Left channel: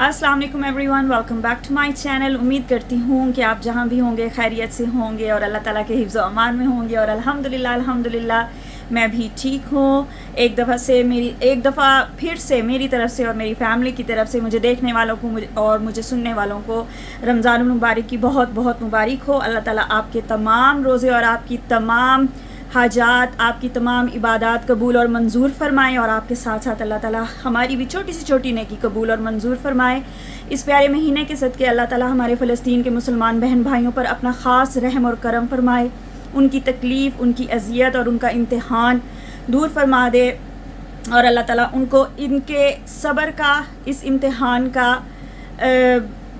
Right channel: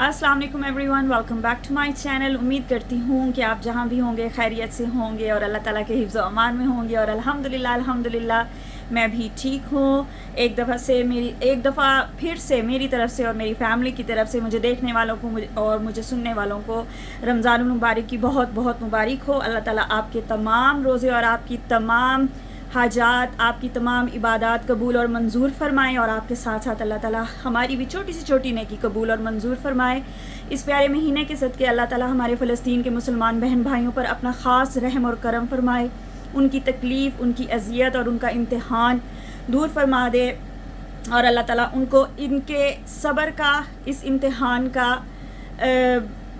अस्सलाम वालेकुम everyone, welcome back to my channel. उम्मीद करती हूँ कि आप जहाँ भी होंगे खैरियत से होंगे और अल्लाह ताला के हिफ्ज़ व अमान में होंगे। और अल्हम्दुलिल्लाह मैं भी ठीक हूँ। एक दफ़ा फिर से मेरी तरफ से और मेरी फ़ैमिली की तरफ से मुझे देखने वालों को और मुझे सुनने वालों को रमज़ानुल मुबारक की बहुत बहुत मुबारक हो। अल्लाह ताला आपके तमाम रोज़े और आपकी तमाम हाजात, आपकी तमाम इबादत कबूल और मंजूर फ़रमाएँ और आपके साथ साथ अल्लाह ताला हमारी भी छोटी से छोटी नेकी कबूल और मंजूर फ़रमाए। इस प्यारे महीने के सदक़े अल्लाह ताला हमारे फ़लस्तीन के मुसलमान बहन भाइयों पर अपना ख़ास रहम और करम फ़रमाए, उनकी तकलीफ़, उनकी अज़ियत और उनका इम्तिहान दूर फ़रमा दे और अल्लाह ताला उनको इनके सब्र का, इस इम्तिहान का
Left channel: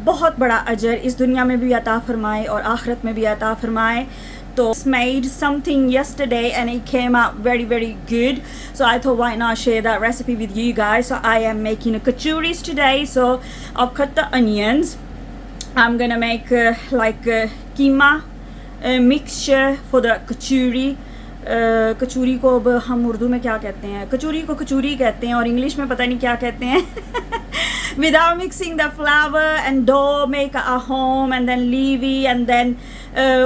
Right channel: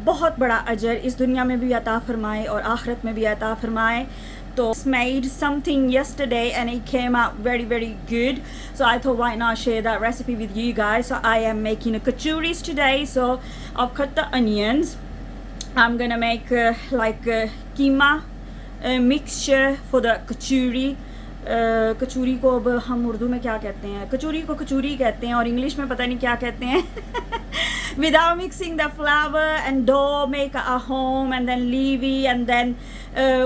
बहुत बड़ा अजर इस दुनिया में भी अता फ़रमाए और आखिरत में भी अता फ़रमाए। So made something yesterday and it came out very good, so I thought why not share that recipe with you guys. So I am making a kachuris today. So I've cut the onions. I'm gonna make keema mixture for the kachuri. Kachori को अब हम उर्दू में क्या कहते हैं? कचूरी को कचूरी कहते हैं और इंग्लिश में पता नहीं क्या कहते हैं। Without mixing the flour and dough, make a home and then leave and then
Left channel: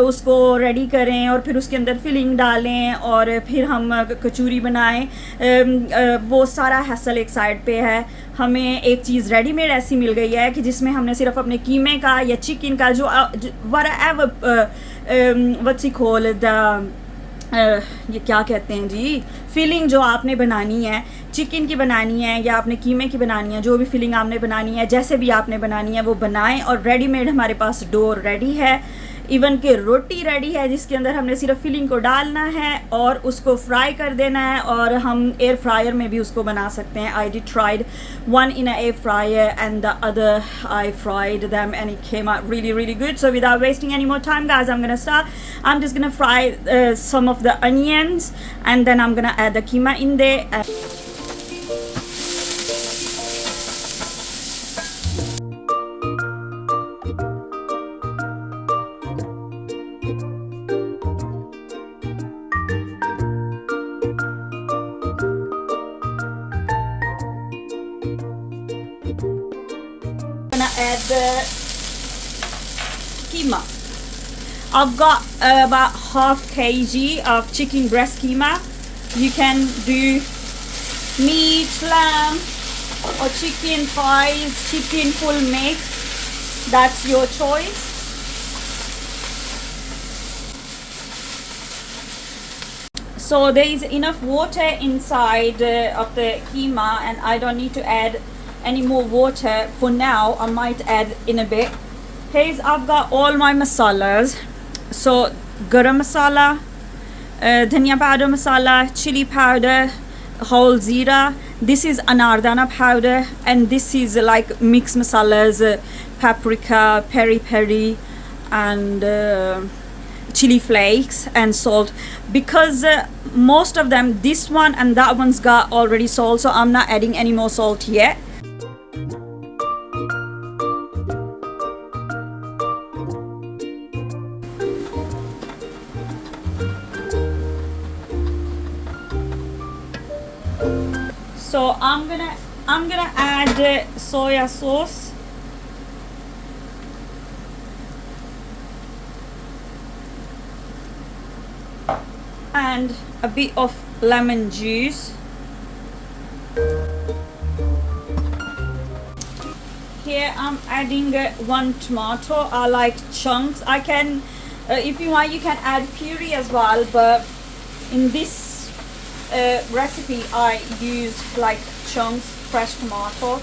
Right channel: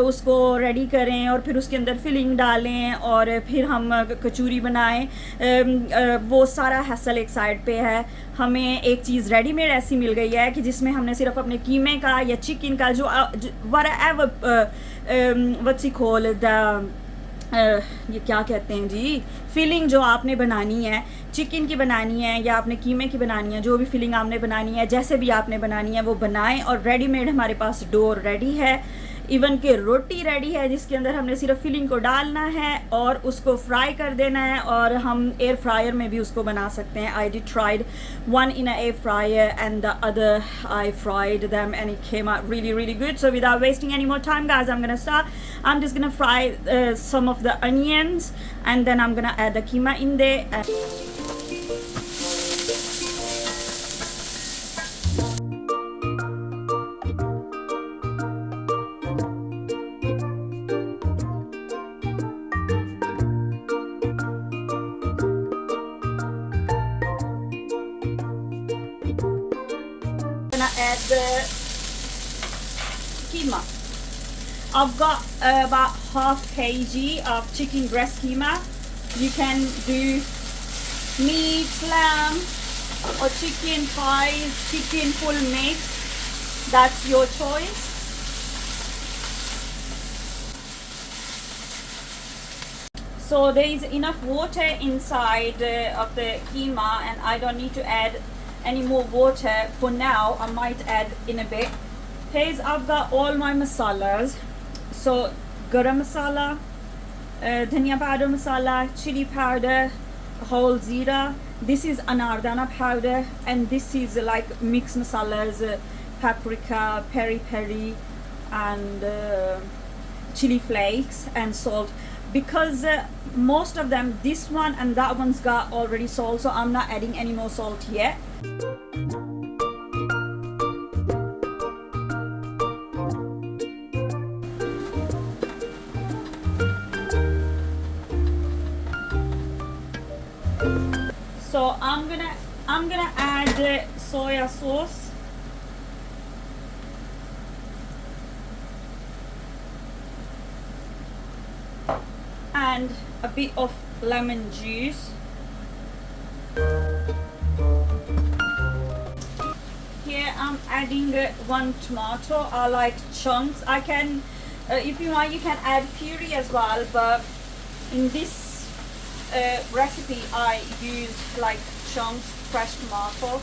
उसको रेडी करें और फिर उसके अंदर फिलिंग डालें और फिर हम कचूरी बनाएं। वो सारा हैसल एक साइड पे है। हमें एक चीज़ रेडीमेड ऐसी मिल गई है कि जिसमें हमने सिर्फ अपने कीमे का या चिकन का जो व्हाट्स इट कॉल्ड ये क्या कहते हैं जी, फिलिंग जो आपने बनानी है, चिकन की बनानी है या आपने कीमे की बनानी है, जो भी फिलिंग आपने बनानी है, जैसे भी आपने बनानी है वो बनाएं। और रेडीमेड हमारे पास डो रेडी है, इवन के रोटी रेडी है जिसके अंदर हमने सिर्फ फिलिंग को डालना है और उसको फ्राई कर देना है और हम एयर फ्रायर में भी उसको बना सकते हैं। I did tried one in a air fryer and the other I fried them and it came out really good. So without wasting any more time guys, I'm just gonna fry some of the onions and then I'm gonna add the keema in there. Add the keema. I've got about half kg of chicken breast keema. You can do meat, lamb or chicken thighs, chicken full mix. That's your choice. So there is enough water inside of the keema and I don't need to add any more water for now. I might add in a bit. Here's I've got all my masalas. So garam masala, dhania powder masala, chili powder, whole zira. This is anardana powder and this is like mixed masalas, paprika, peri and chili flakes and salt, because most of them, this one and that one's got already salt, so I'm not adding any more salt yet. So I'm gonna add soya sauce. And a bit of lemon juice. Here I'm adding one tomato. I like chunks. I can, if you want, you can add puree as well, but in this recipe I use like chunks, fresh tomato.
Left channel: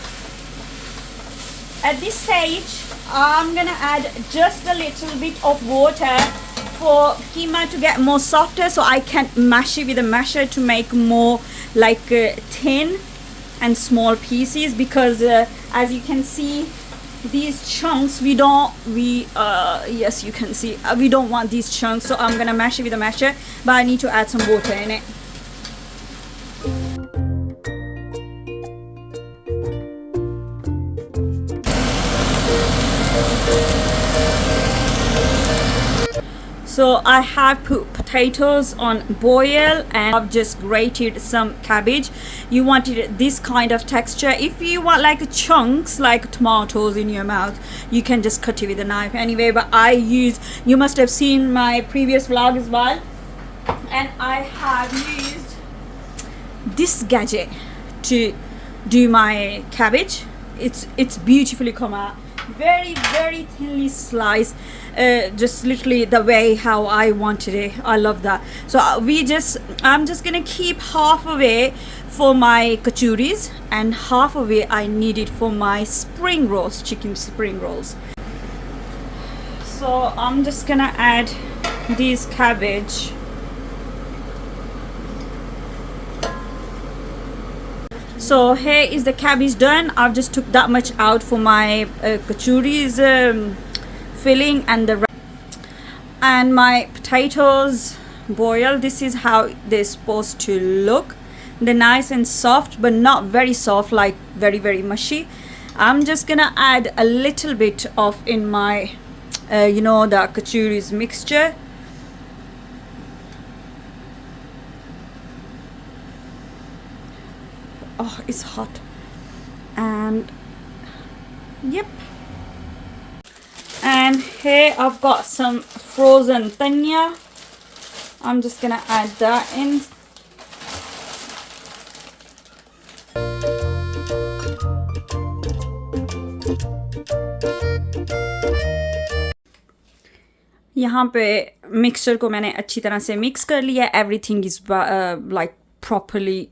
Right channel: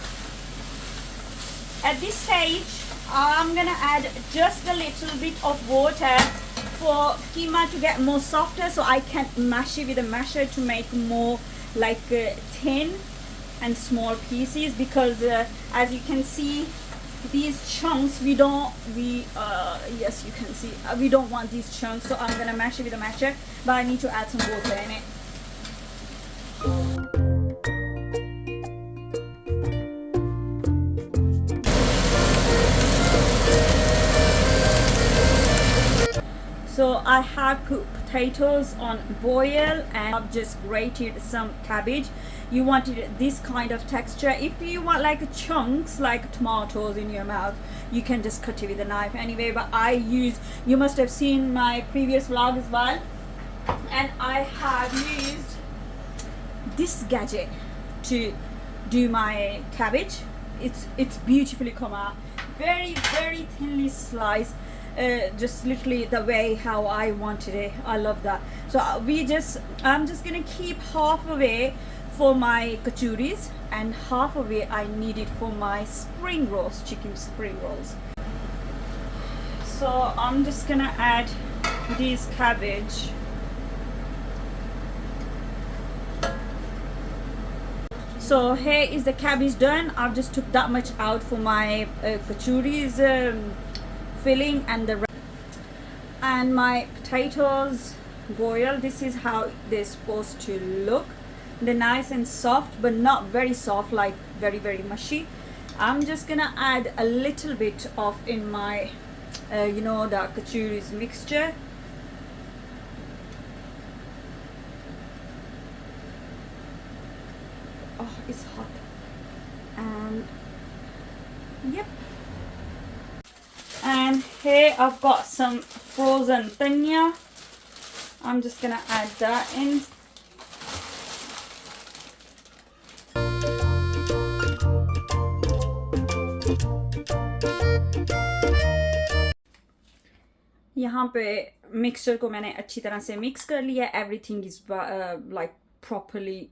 At this stage I'm gonna add just a little bit of water for keema to get more softer, so I can mash it with a masher to make more like thin and small pieces, because as you can see these chunks yes you can see we don't want these chunks, so I'm gonna mash it with a masher, but I need to add some water in it. So I have put potatoes on boil, and I've just grated some cabbage. You wanted this kind of texture. If you want like chunks like tomatoes in your mouth, you can just cut it with a knife anyway, but I use, you must have seen my previous vlog as well, and I have used this gadget to do my cabbage. It's beautifully come out, very thinly sliced, just literally the way how I wanted it. I love that. So I'm just gonna keep half away for my kachuris, and half away I need it for my spring rolls, chicken spring rolls. So I'm just gonna add this cabbage. So here is the cabbage done. I've just took that much out for my kachuris filling, and my potatoes boil. This is how they're supposed to look. They're nice and soft, but not very soft, like very mushy. I'm just gonna add a little bit of in my the kachuris mixture. Oh, it's hot. And yep. And here I've got some frozen dhania. I'm just gonna add that in. यहाँ पे mixture को मैंने अच्छी तरह से mix कर लिया. Everything is like properly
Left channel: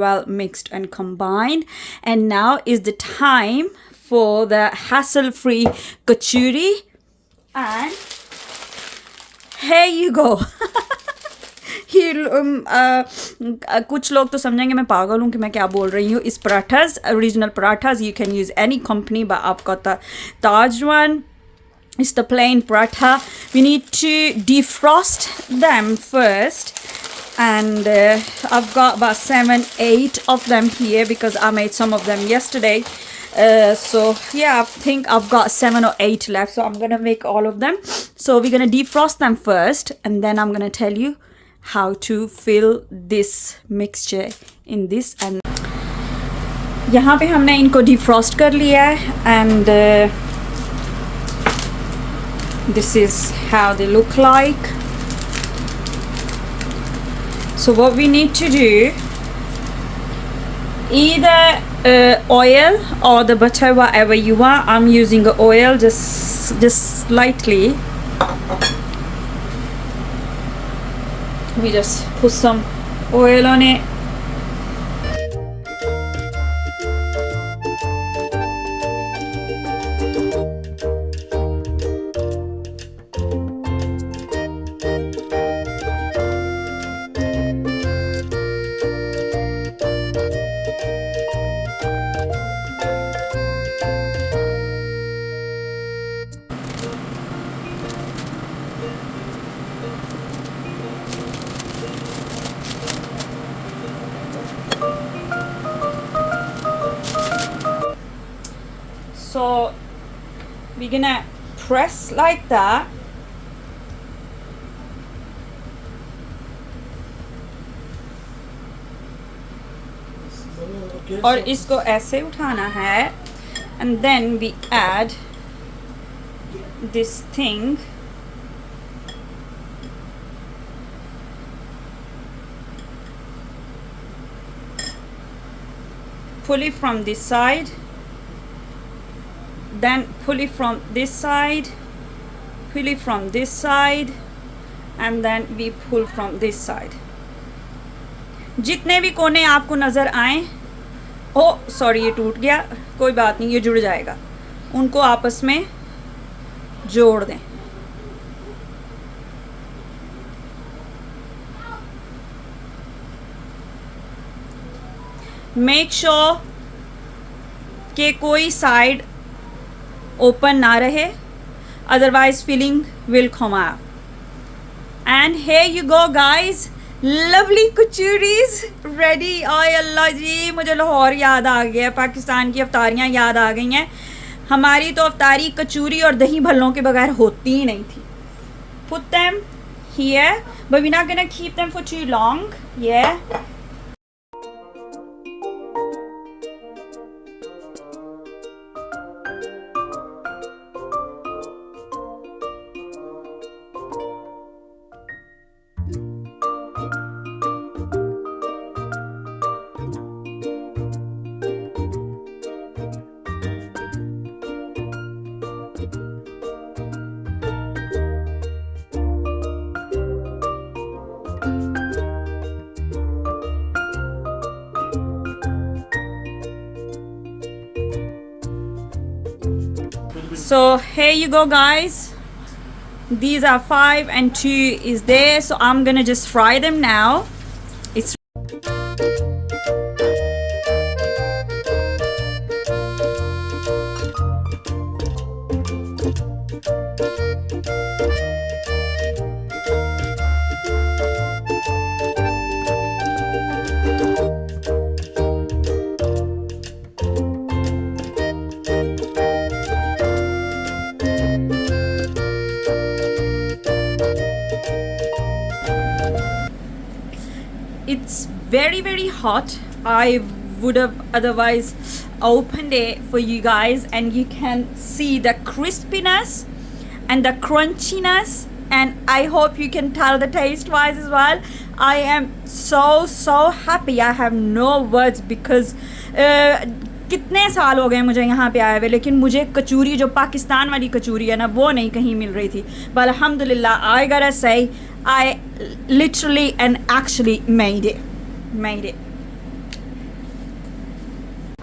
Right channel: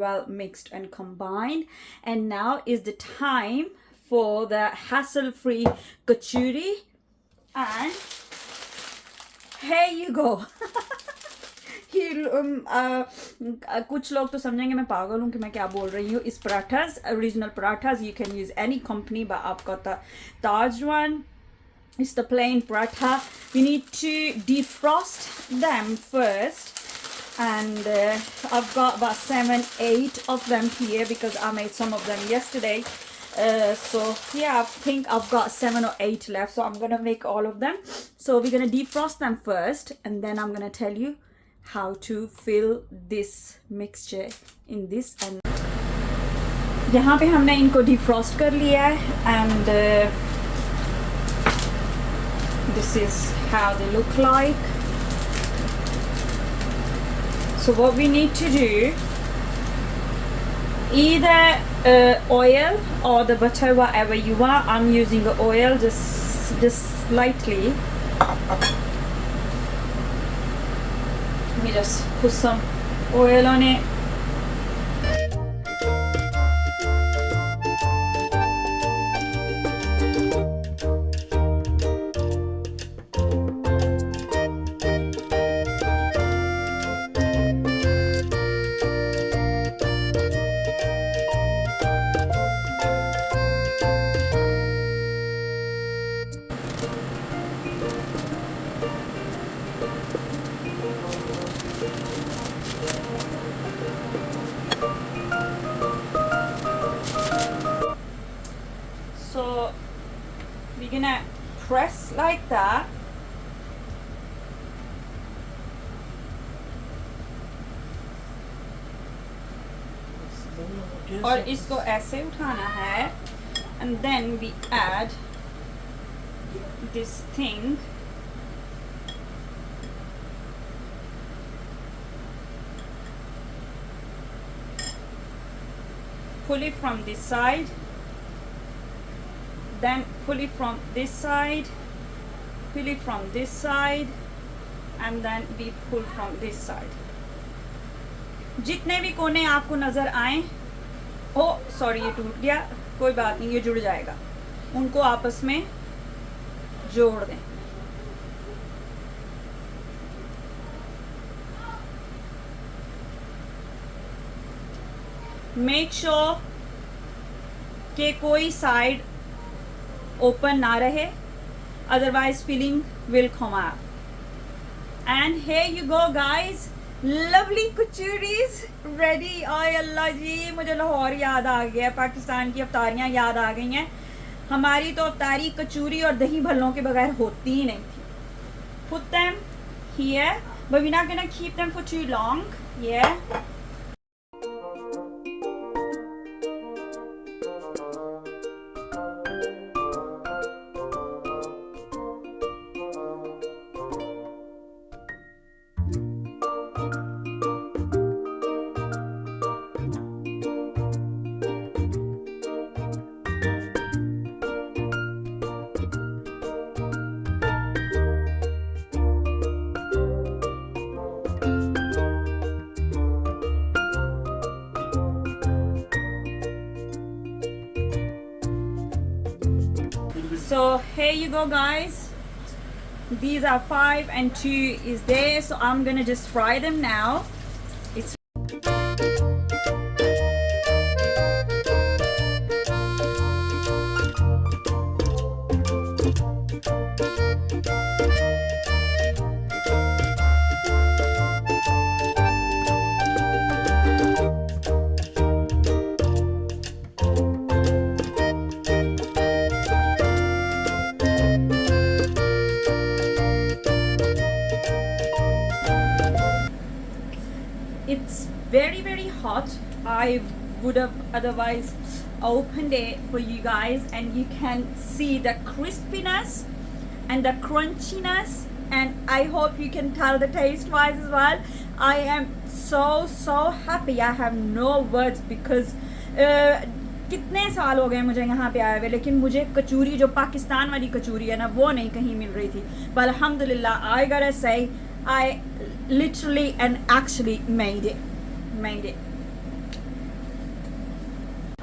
well mixed and combined, and now is the time for the hassle-free kachuri, and here you go. कुछ लोग तो समझेंगे मैं पागल हूँ कि मैं क्या बोल रही हूँ. इस parathas, original parathas, you can use any company, but I've got the Taj one. It's the plain paratha. We need to defrost them first, and I've got about 7-8 of them here because I made some of them yesterday. So yeah, I think I've got 7 or 8 left, so I'm gonna make all of them. So we're gonna defrost them first, and then I'm gonna tell you how to fill this mixture in this. And यहाँ पे हमने इनको defrost कर लिया है, and this is how they look like. So what we need to do, either oil or the butter, whatever you want. I'm using the oil, just slightly. We just put some oil on it. So we're gonna press like that. और इसको ऐसे उठाना है, and then we add this thing. Pull it from this side, then pull it from this side, pull it from this side, and then we pull from this side. जितने भी कोने आपको नज़र आए, ओ सॉरी ये टूट गया, कोई बात नहीं, ये जुड़ जाएगा, उनको आपस में जोड़ दें. मेक श्योर कि कोई साइड ओपन ना रहे, otherwise filling will come out. And here you go guys, lovely kachoris ready. ओए अल्लाह जी, मुझे लाहौर याद आ गया, पाकिस्तान की अफ्तारियाँ याद आ गई हैं. हमारी तो अफ्तारी कचौरी और दही भल्लों के बगैर होती ही नहीं थी. Put them here, but we're not gonna keep them for too long. Yeah. So here you go, guys. These are 5 and 2 is there. So I'm gonna just fry them now. It's very hot. I would have otherwise opened it for you guys, and you can see the crispiness and the crunchiness, and I hope you can tell the taste wise as well. I am so happy. I have no words because कितने साल हो गए मुझे यहाँ पे आए हुए, लेकिन मुझे कचौरी जो पाकिस्तान वाली कचौरी है ना वो नहीं कहीं मिल रही थी. But alhamdulillah, I gotta say I literally and actually made it.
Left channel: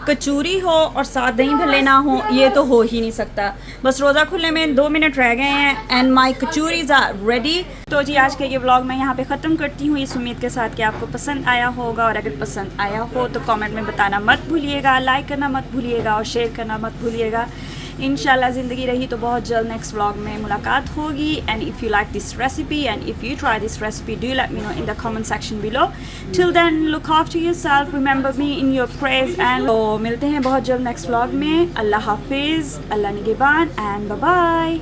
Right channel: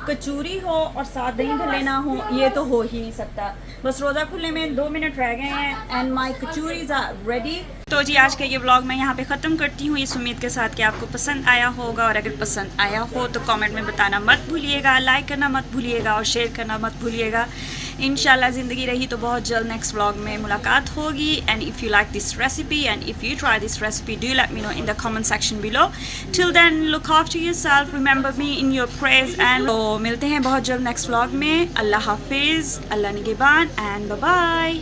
कचौरी हो और साथ दही भल्ले ना हो, ये तो हो ही नहीं सकता. बस रोज़ा खुलने में 2 मिनट रह गए हैं and my kachoris are ready. तो जी आज का ये व्लॉग मैं यहाँ पे ख़त्म करती हूँ इस उम्मीद के साथ कि आपको पसंद आया होगा, और अगर पसंद आया हो तो कमेंट में बताना मत भूलिएगा, लाइक करना मत भूलिएगा और शेयर करना मत भूलिएगा. इंशाल्लाह ज़िंदगी रही तो बहुत जल्द नेक्स्ट व्लॉग में मुलाकात होगी. And if you like this recipe and if you try this recipe, do let me know in the comment section below. Till then look after yourself, remember me in your prayers, and तो मिलते हैं बहुत जल्द next vlog में. अल्लाह हाफिज़, अल्लाह निगहबान and bye bye.